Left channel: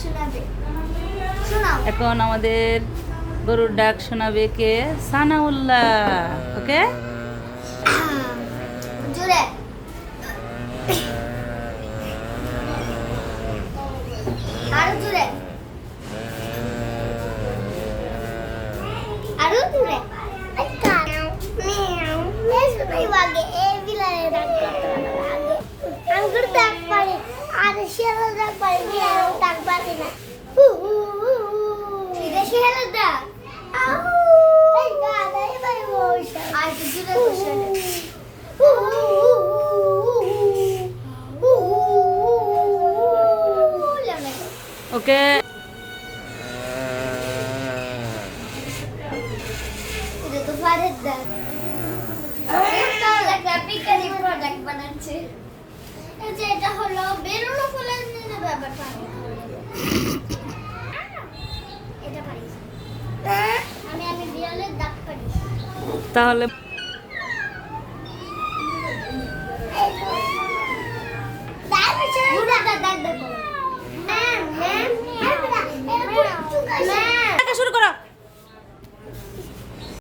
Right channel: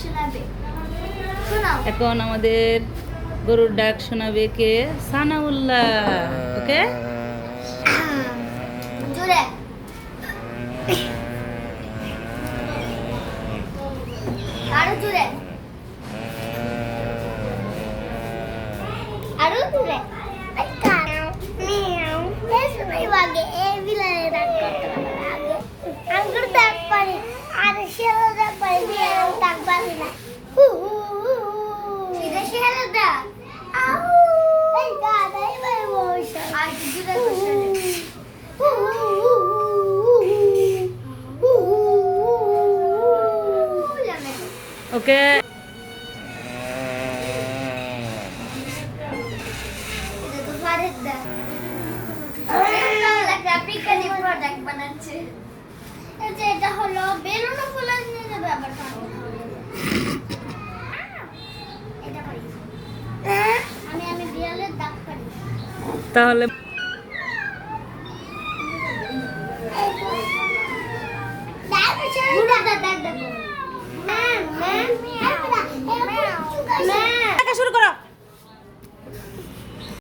শোনাবে, শোনাও। এখন আমাদের গরুর ডাক শোনাবে কে? সানাউল্লাহ। ওকে, জোরে। আরো জোরে, আরো জোরে। আচ্ছা মিয়াও শোনাই আগে। এই বিলালে ডাক করতে লাগে, আঙ্গুর ডাক পারে আর শিয়াল ডাক পারে, মিয়াও ডাক পারে না। এটা শিয়াল ডাক। আউ এই গাদাই ভাই বসা আর কিছু ডাক শোনে। ওকে। এটা তো ফারেদ ডাক। পিকারি প্রোডাক্ট বানাচ্ছে। এই যে এটা হলো বেলুন ফুলের নিয়ে ব্যাপারটা। এটা পারি। আমি বিড়ালের দাগ পারি। তাহলে দাগ দাগ দাগ।